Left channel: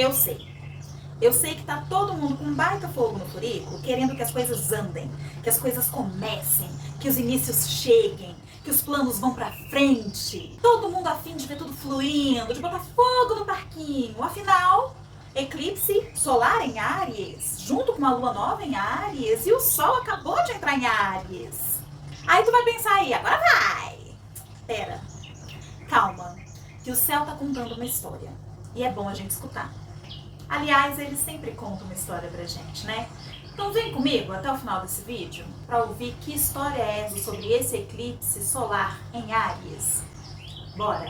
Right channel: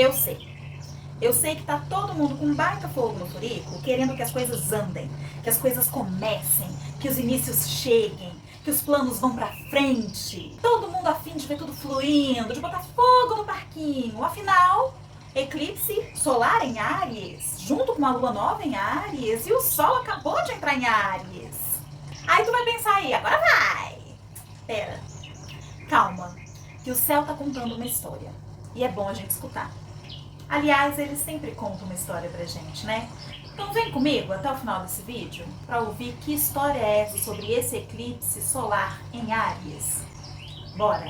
Eu sei. Eu sei que tá todo mundo com um baita fogo no furico, querendo que as coisas andem, que as coisas comecem, que os inícios cheguem, que os planos vão pra frente. Todo mundo a fim de ver tudo fluindo, de botar fogo no parquinho. Afinal, eclipse solar em Áries, junto com a lua nova em Áries, e o sol acabou de entrar em Áries. Aí tu vai pensar aí, agora vai! Pera, calma, que o céu tá contando uma história. E é bom a gente escutar. Aliás, ele sempre conta uma história pra gente, né? Então vem comigo até o final desse vídeo para ouvir que história é essa sobre esse eclipse solar em Áries. Bora!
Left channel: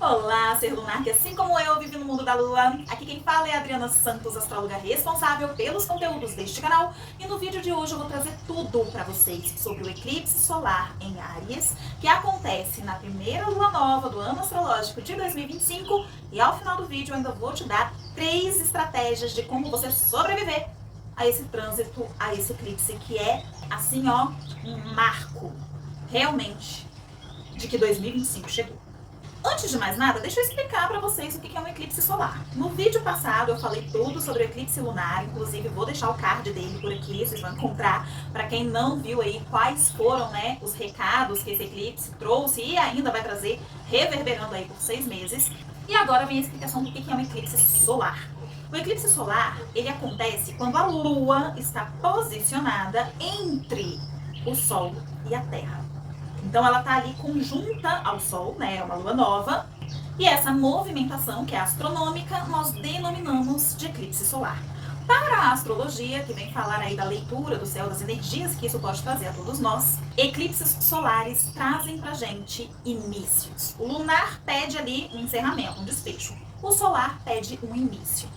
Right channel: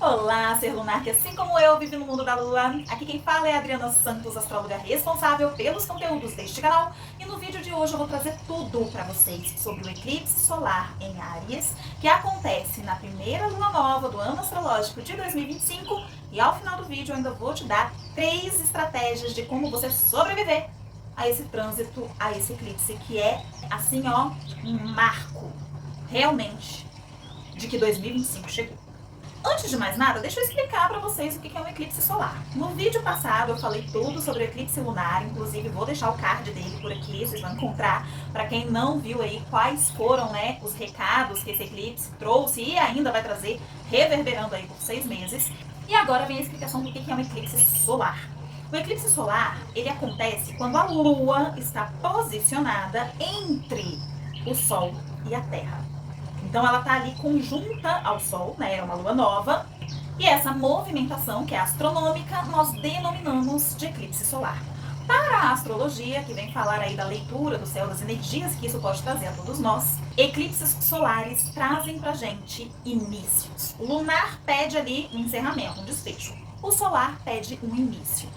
Olá, ser lunar que assim como eu vive no mundo da lua. Aqui quem fala é a Adriana Santos, astróloga responsável pelos conteúdos deste canal. E no vídeo de hoje eu vou trazer tudo para vocês sobre o eclipse solar em Áries, que acontece na primeira lua nova do ano astrológico de 2025. E ao final do vídeo eu ainda vou te dar 3 estratégias de como você sobreviver a esse trânsito, a esse eclipse, que é assim ó, um marco realmente de que 2025 chegou. Antes de mais nada, deixa eu explicar para vocês o que é um eclipse solar. No vídeo passado eu falei tudo sobre o eclipse lunar, inclusive vou deixar o card dele por aqui, vocês vão encontrar. Para quem não viu aí quais foram, né, os recados que esse eclipse trouxe e ainda vai trazer, reverberando aí por 6 meses. E agora vem a explicação do que é um eclipse solar. O eclipse solar, ele acontece quando a Lua está posicionada entre o Sol e a Terra. Então ela está ali conjunta ao Sol, né? É uma lua nova. E essa movimentação, que é astronômica, nós denominamos de eclipse solar. Para a astrologia, que vem falar aí da leitura do céu, das energias que isso pode trazer a todos nós, eclipses solares trazem pra gente inícios. O lunar pede ali um encerramento, um desfecho. O solar pede um início.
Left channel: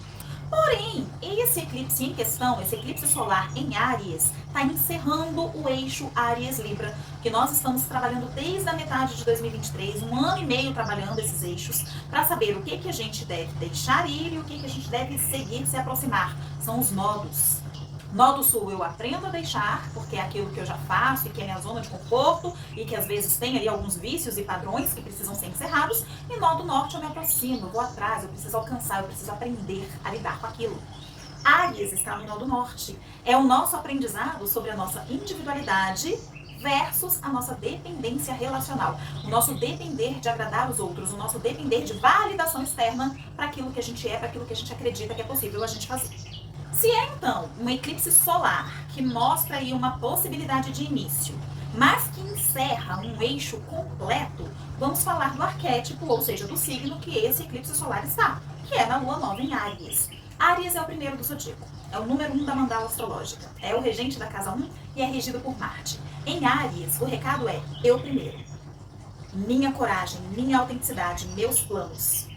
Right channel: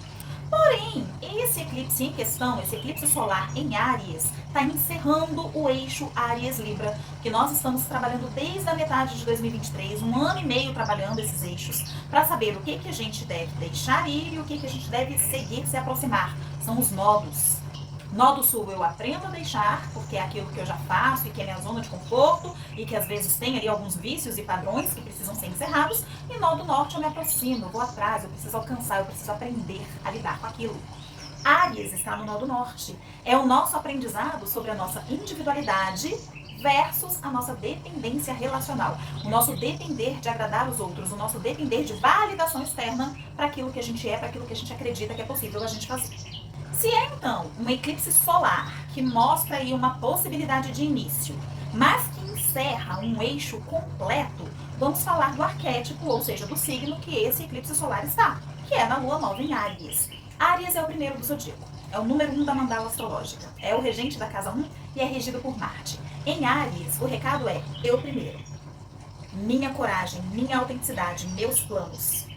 Porém, esse eclipse em questão, esse eclipse solar em Áries, está encerrando o eixo Áries-Libra, que nós estamos trabalhando desde a metade de 2023, um ano e meio trabalhando esses eixos, para saber o que a gente deve deixar ir e o que a gente deve seguir, se aproximar. São os nodos. Nó do sul eu aprendo a deixar, porque é aquilo que eu já faço e que é minha zona de conforto e que às vezes tem ali alguns vícios e padrões que precisam ser encerrados. E nó do norte eu me aproximo, eu vou atrás, eu preciso alcançar, eu preciso aprender a lidar com aquilo. Áries está no nó do norte. É o nosso aprendizado sobre a nossa individualidade versus a nossa dependência relacional. O nosso depender de agradar os outros, o nosso depender de validação externa para aquilo que a gente é, para aquilo que a gente acredita que é possível a gente fazer. Se é então um eclipse solar que mostra aí uma possibilidade de início, mas que encerra um eixo completo, vamos falar do arquétipo, ou seja, do signo que esse eclipse solar está, que é na lua nova em Áries. Áries é o primeiro do zodíaco, é o número 1 da mandala astrológica, é o regente da casa 1 e é regido por Marte. Em Áries, o recado é eu primeiro, minha coragem, minha autenticidade, meus planos.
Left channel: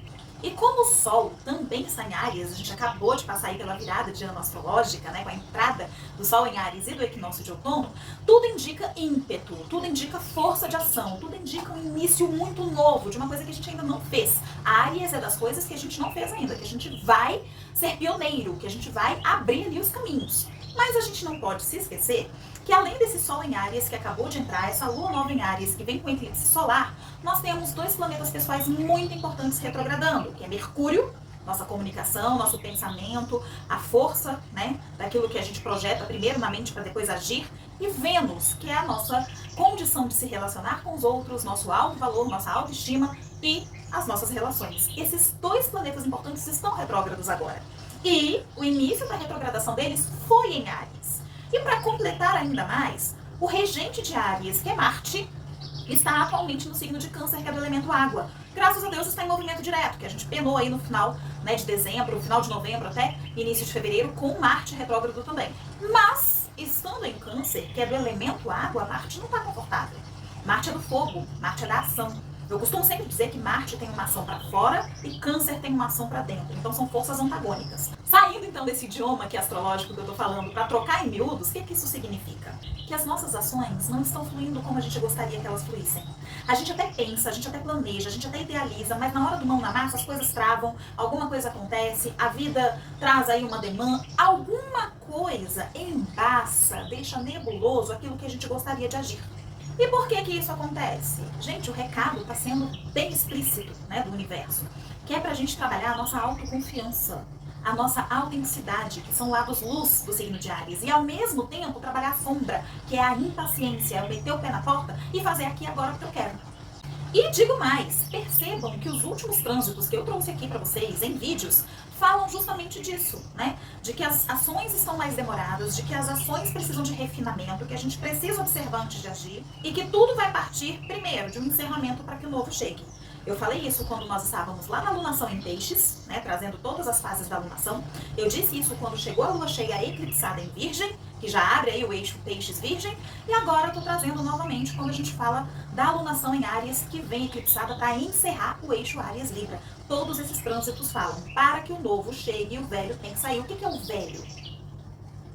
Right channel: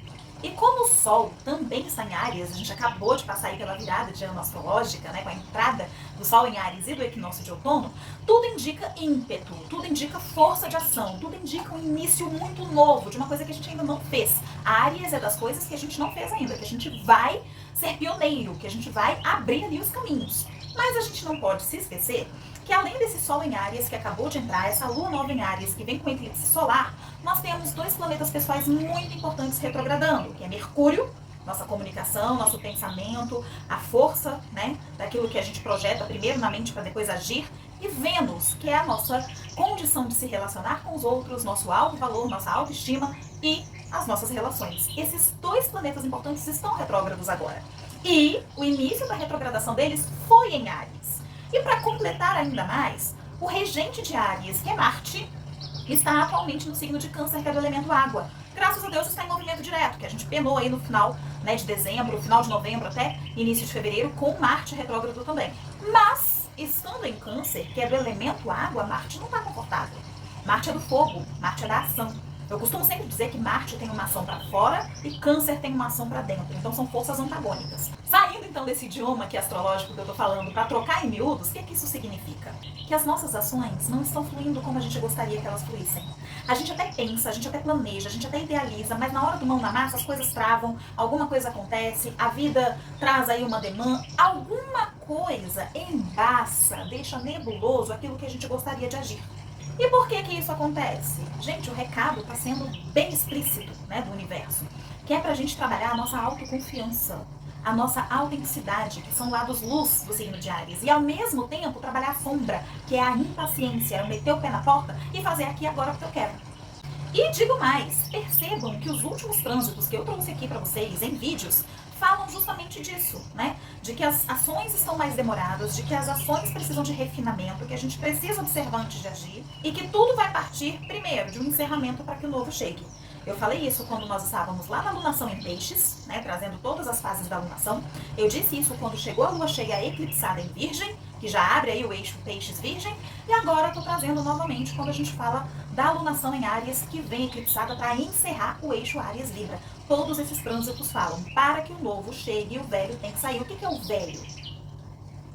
E como o Sol também está em Áries, a gente acabou de passar aí pela virada de ano astrológica, né, com a entrada do Sol em Áries e do equinócio de outono, tudo indica ímpeto, tudo indica força de ação, tudo indica um início muito novo, de uma coisa que a gente ainda não fez. A Áries é das coisas que a gente não fez ainda, que a gente vai ser pioneiro, que a gente vai abrir ali os caminhos. Mas a gente não pode se esquecer que além desse Sol em Áries que acabou de entrar, essa Lua nova em Áries que vem com eclipse solar, nós temos 2 planetas pessoais muito importantes retrogradando, que é Mercúrio, nossa comunicação, nosso pensamento, a força, né, daquilo que a gente projeta primeiro na mente para depois agir, e Vênus, que é a nossa condição de se relacionar com os outros, nosso alto valor, nossa autoestima e as nossas relações. Esses 2 planetas importantes estão retrógrados agora. E o início da retrogradação deles foi em Áries. E para completar ainda mais, o regente de Áries, que é Marte, está atualmente no signo de Câncer, que é do elemento água. Graças a Deus está em movimento direto, que a gente penou aí no final, né, de dezembro, final de novembro até início de fevereiro, com Marte retrógrado também. Mas, estando em Câncer, que é do elemento água, Marte não está confortável. Marte é do fogo, Marte é da ação. Eu costumo sempre dizer que Marte tem uma ação para fora e Câncer tem uma ação para dentro. Então são forças antagônicas. Saindo então desse idioma que é astrológico que eu tô falando para trocar em miúdos, o que isso significa? Que as nossas ações não estão fluindo como a gente gostaria que elas fluíssem. A gente até pensa, a gente até planeja, a gente até idealiza, mas na hora do mão na massa as coisas travam, alguma coisa acontece, a vida traz aí uma demanda, alguma coisa embaça, deixa nebuloso aquilo que a gente gostaria de agir. E por que que isso acontece? Gente, o recado está sendo bem explícito, né, do universo, que é pra gente trabalhar a nossa autoconfiança, a nossa autenticidade, que são lados luz do signo de Áries, e ao mesmo tempo trabalhar a sombra, que é a impaciência, é o meter o pé na porta e fazer aqui agora o que eu quero. E digo mais, percebam que os últimos trânsitos que eu trouxe aqui para vocês em vídeos falam justamente disso, né? De que as ações estão mais demoradas, de que as ações precisam de refinamento, que a gente precisa observar antes de agir e que tudo vai partir primeiro de um encerramento para que o novo chegue. Eu falei isso quando nós estávamos lá na lunação em Peixes, né, trazendo todas as fases da lunação. Eu disse isso quando chegou a lua cheia eclipsada em Virgem, que já abre aí o eixo Peixes-Virgem. E agora estou trazendo novamente quando a gente fala da alunação em Áries, que vem eclipsada para encerrar o eixo Áries-Libra. Todos esses trânsitos falam, para que o novo chegue, o velho tem que sair. O que é o velho?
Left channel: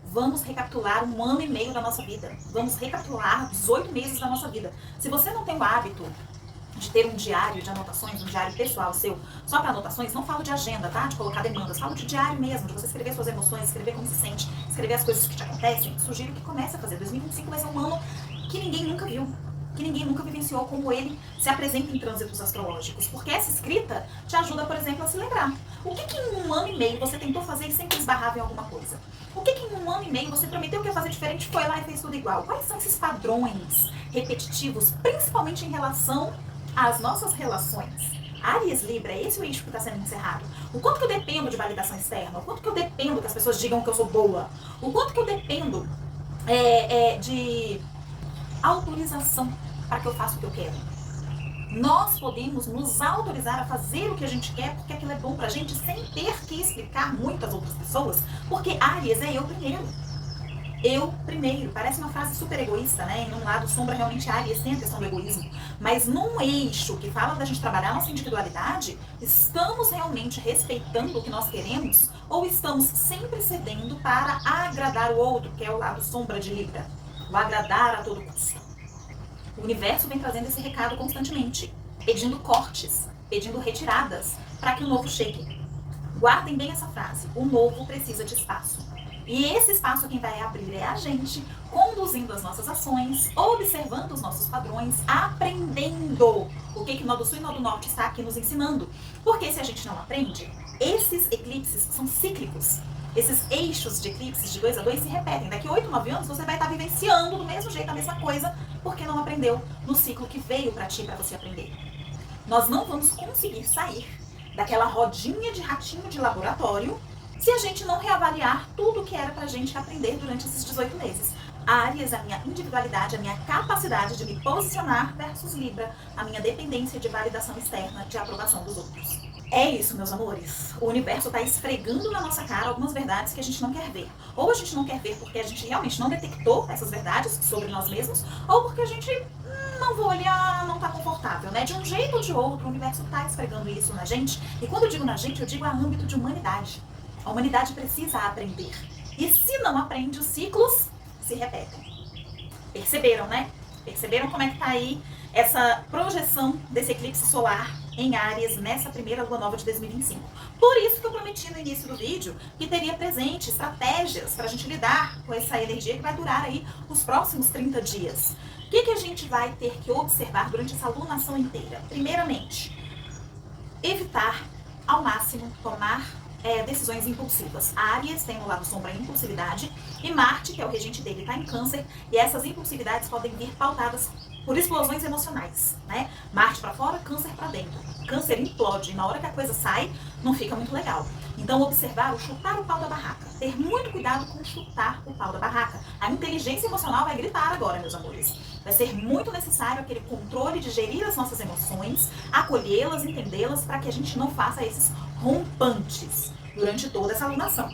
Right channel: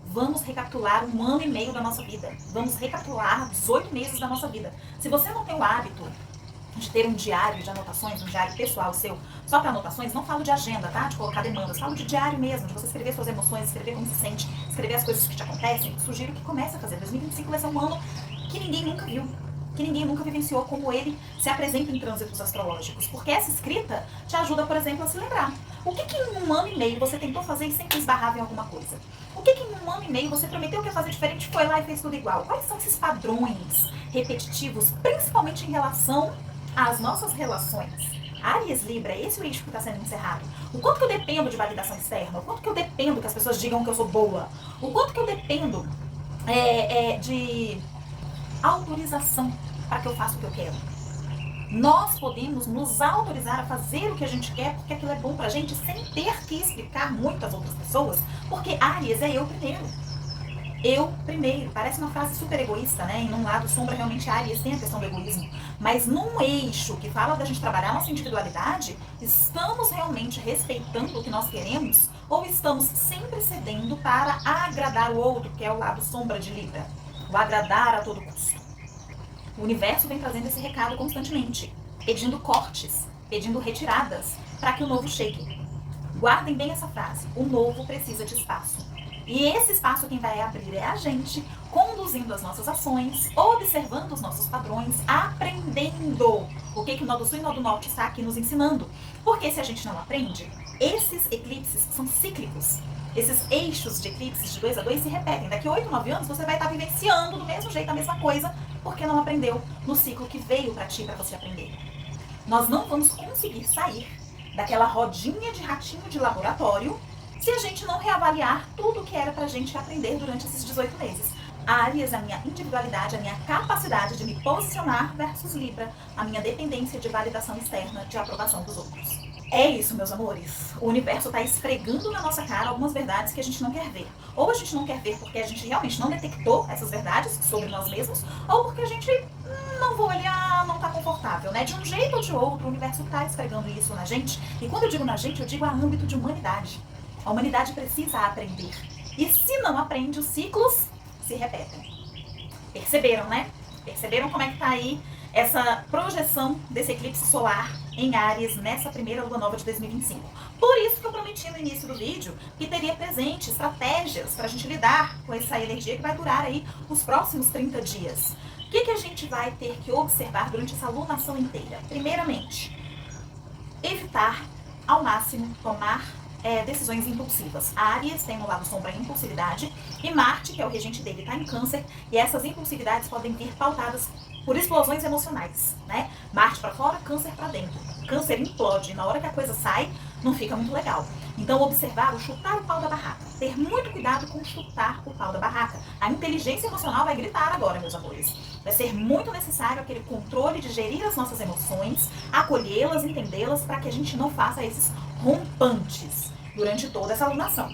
Vamos recapitular 1 ano e meio da nossa vida. Vamos recapitular 18 meses da nossa vida. Se você não tem o hábito de ter um diário de anotações, um diário pessoal seu, só para anotações, não falo de agenda, tá? De colocar demandas, falo de diário mesmo, de você escrever suas emoções, escrever como se sente, escrever as coisas que te acontecem. Sugiro que comece a fazer. 2025 vai ser um ano que ninguém nunca viu, que ninguém nunca vivenciou como ele se apresenta em trânsitos astrológicos, porque essa escrita te ajuda, por exemplo, a se lembrar. O que em 1 ano e meio você tentou fazer e sempre esbarrava em alguma coisa? O que em 1 ano e meio você prometeu que ia fazer diferente, foi lá e fez tudo igual? Quais são esses padrões repetitivos, principalmente em relação às nossas relações? Áries Libra, esse é o eixo que está sendo encerrado. O quanto que eu dependo de validação externa? O quanto que eu dependo que as pessoas digam que eu sou boa? O quanto que eu dependo de autorização para que eu faça o que eu quero? Nós podemos nos autorizar a fazer o que a gente quer porque aquilo é bom pra gente sem ter que explicar muito às outras pessoas, porque Áries é eu primeiro. Eu primeiro. Parece uma frase super egoísta, né? E num lado sombra realmente Áries tem a questão do egoísmo. Mas num eixo que fala da gente trabalhar a nossa individualidade, estamos realmente respeitando o que nós queremos ou estamos sempre cedendo para agradar o outro, que é o lado sombra de Libra? O agradar a todo custo. O universo vem trazendo esse recado constantemente, pedindo cortes, pedindo retiradas para que o novo chegue. Guardem bem essa frase, o novo precisa de espaço. E esse espaço quem vai abrir é a gente, conduzindo as nossas ações, observando os nossos padrões, aprendendo o que o Nó do Sul e Nó do Norte está aqui nos ensinando. Porque se a gente não aprende, esses eclipses são cíclicos. Esses eixos de eclipses de 2 a 2 se repetem. Daqui a 8, 9 anos você vai estar vivenciando do mesmo jeito a mesma coisa, porque não aprendeu no ciclo que veio para ti, para você aprender. Nós não vamos conseguir sair daquela rodinha de ratinho de laboratório se a gente não reavaliar tudo que era pra gente aprender durante esses 18 meses. Áries, a minha individualidade, a minha capacidade de me posicionar versus Libra, a minha dependência de validação externa, de aprovação dos outros. É isso, meus amores. O universo está esfregando na nossa cara algumas verdades que a gente não quer ver. Ou a gente não quer ver porque a gente realmente não detectou essas verdades sobre nós mesmos, ou porque a gente não vou olhar, não está confortável, né? De um jeito ou de outro, o universo está esfregando isso na gente. E quando eu digo na gente, eu digo a âmbito de humanidade. A humanidade precisa aprender. E se não aprende, os ciclos se repetem. Perceberam, né? Perceberam como é que tá aí essa projeção desse eclipse solar em Áries nessa primeira lua nova de 2025. Por isso que eu prometi no início do vídeo que teria presente estratégias para a gente lidar com essa energia que vai durar aí os próximos 30 dias. O que a gente vai ter que observar durante essa lunação inteira? Primeiramente, evitar ao máximo tomar decisões impulsivas. A Áries tem no lado sombra a impulsividade e Marte, que é o regente dele, está em Câncer, e essas impulsividades podem vir pautadas por explosões emocionais, né? Marte para fora, Câncer para dentro. Câncer implode, e na hora que a coisa sai, não fica muito legal. Então, observar o chutar o pau da barraca. Ter muito cuidado com chutar o pau da barraca. A inteligência emocional vai gritar agora, meus amores. Vai ser muito necessário aquele controle de gerir as nossas emoções, acolhê-las, entendê-las, para que a gente não faça esses rompantes durante toda essa alunação.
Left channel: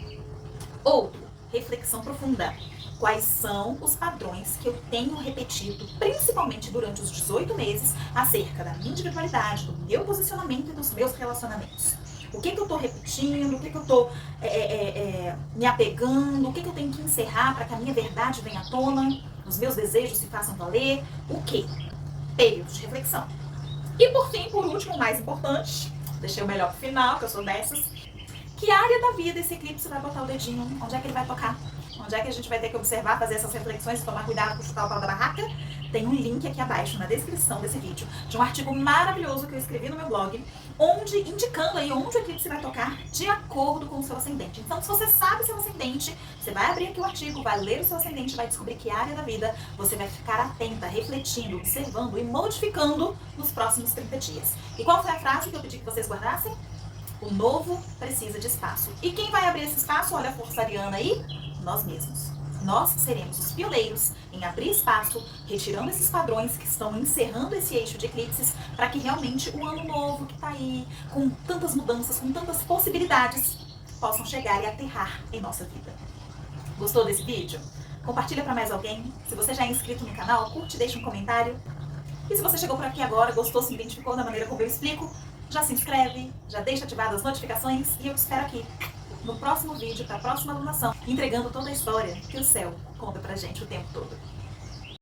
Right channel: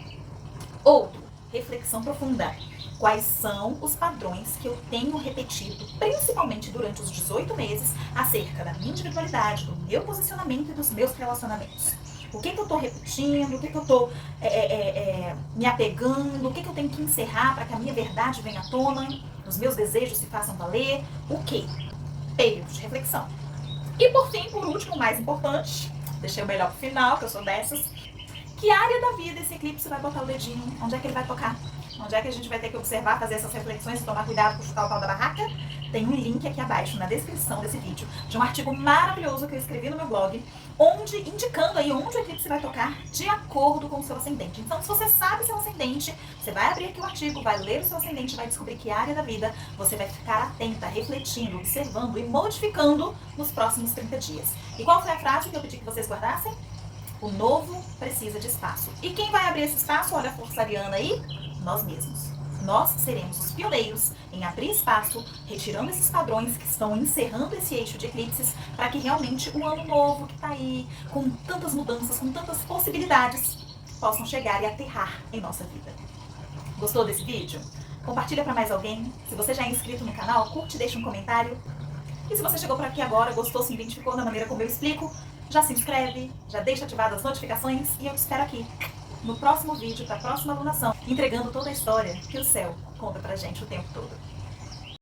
Outro, reflexão profunda. Quais são os padrões que eu tenho repetido, principalmente durante os 18 meses, acerca da minha individualidade, do meu posicionamento e dos meus relacionamentos? O que eu tô repetindo, o que eu tô me apegando, o que eu tenho que encerrar para que a minha verdade venha à tona, os meus desejos se façam valer, o quê? Período de reflexão. E por fim, por último, o mais importante, deixei o melhor pro final, que eu sou dessas, que área da vida esse eclipse vai botar o dedinho, onde é que ele vai tocar? Onde é que a gente vai ter que observar, fazer essas reflexões e tomar cuidado com chutar o pau da barraca? tem um link aqui abaixo na descrição desse vídeo de um artigo maravilhoso que eu escrevi no meu blog, onde indicando aí onde o eclipse vai tocar de acordo com o seu ascendente. Então, se você sabe seu ascendente, você vai abrir aqui o artigo, vai ler o seu ascendente, vai descobrir que área da vida você vai ficar atenta, refletindo, observando e modificando nos próximos 30 dias. E qual foi a frase que eu pedi que vocês guardassem? O novo precisa de espaço. E quem vai abrir esse espaço? Olha a força ariana aí, nós mesmos. Nós seremos os pioneiros em abrir espaço, retirando esses padrões que estão encerrando esse eixo de eclipses, para que realmente o ano novo que está aí, com tantas mudanças, com tantas possibilidades, possam chegar e aterrar em nossa vida. Gostou desse vídeo? Compartilha para mais alguém. Se você já é inscrito no canal, curte e deixa um comentário. E se você chegou por aqui agora, gostou, se identificou da maneira como eu explico, já se inscreve, já deixa ativadas as notificações e eu te espero aqui no próximo vídeo, para a próxima alunação, entregando toda a história que o céu conta pra gente o tempo todo.